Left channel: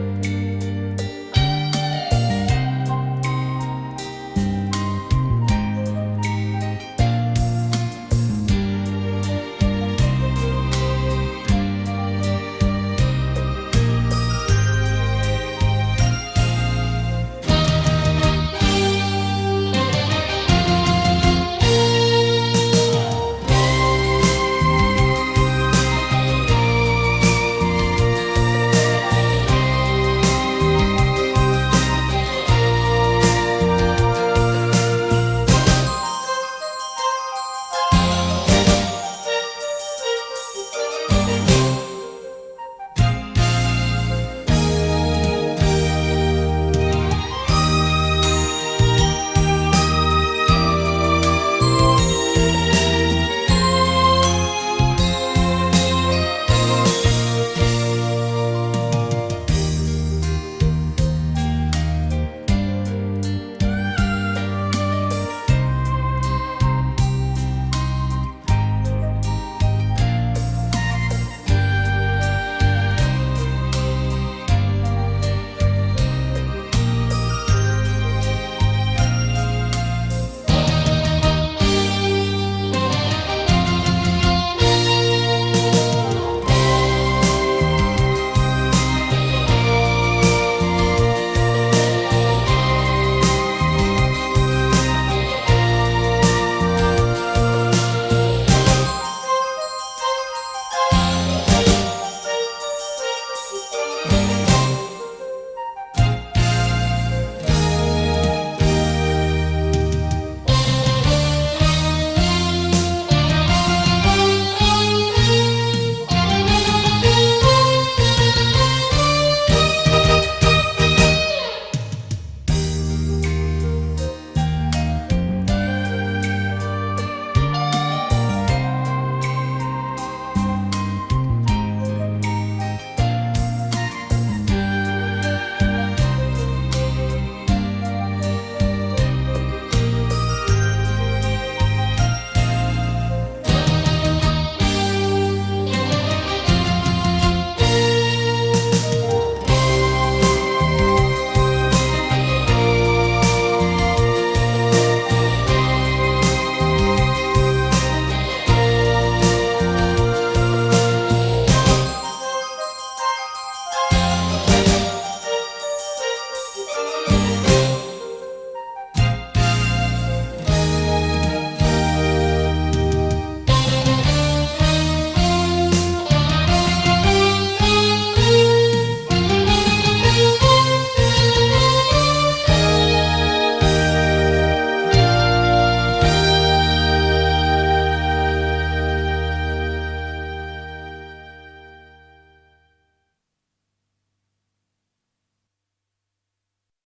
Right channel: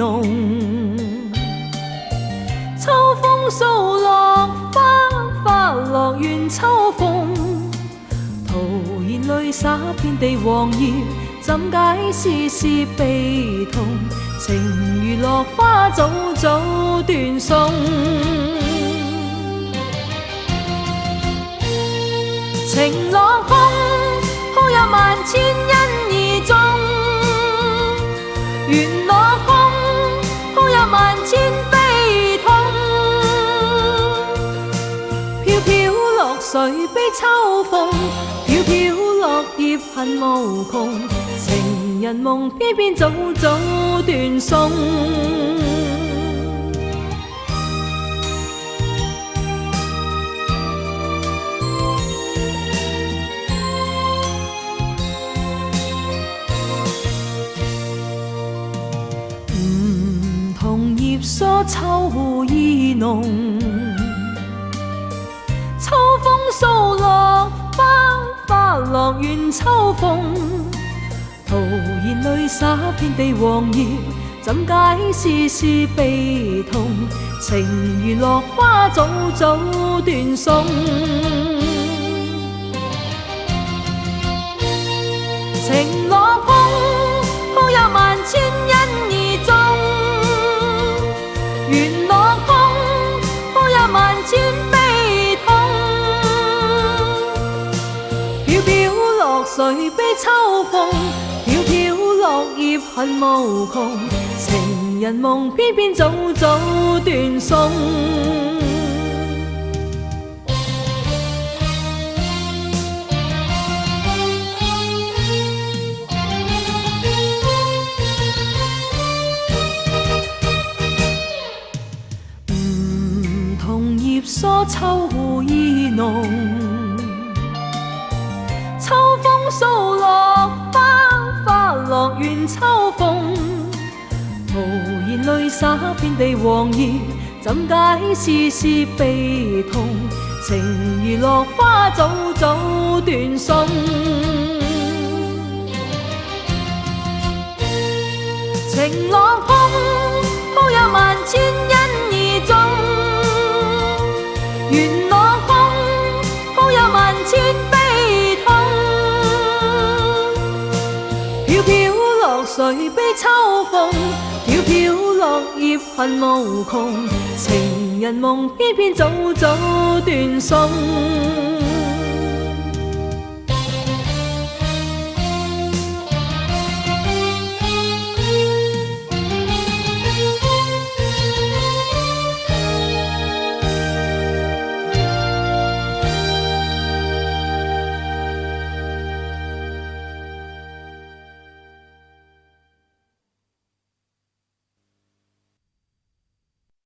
濃。秋風掃落花，花落怨秋風。徒然淚灑遍地黃葉，怎解絲絲悲痛？情如落花早早斷送。情落空，空有萬千因而種。緣落空，空有萬千悲痛。飄飄落水悲秋風，飄飄落葉恨無窮。情人夢偏偏早早斷送。秋意濃，秋風掃落花，花落怨秋風。徒然淚灑遍地黃葉，怎解絲絲悲痛？情如落花早早斷送。情落空，空有萬千因而種。緣落空，空有萬千悲痛。飄飄落水悲秋風，飄飄落葉恨無窮。情人夢偏偏早早斷送。疏秋意濃，秋風掃落花，花落怨秋風。徒然淚灑遍地黃葉，怎解絲絲悲痛？情如落花早早斷送。情落空，空有萬千因而種。緣落空，空有萬千悲痛。飄飄落水悲秋風，飄飄落葉恨無窮。情人夢偏偏早早斷送。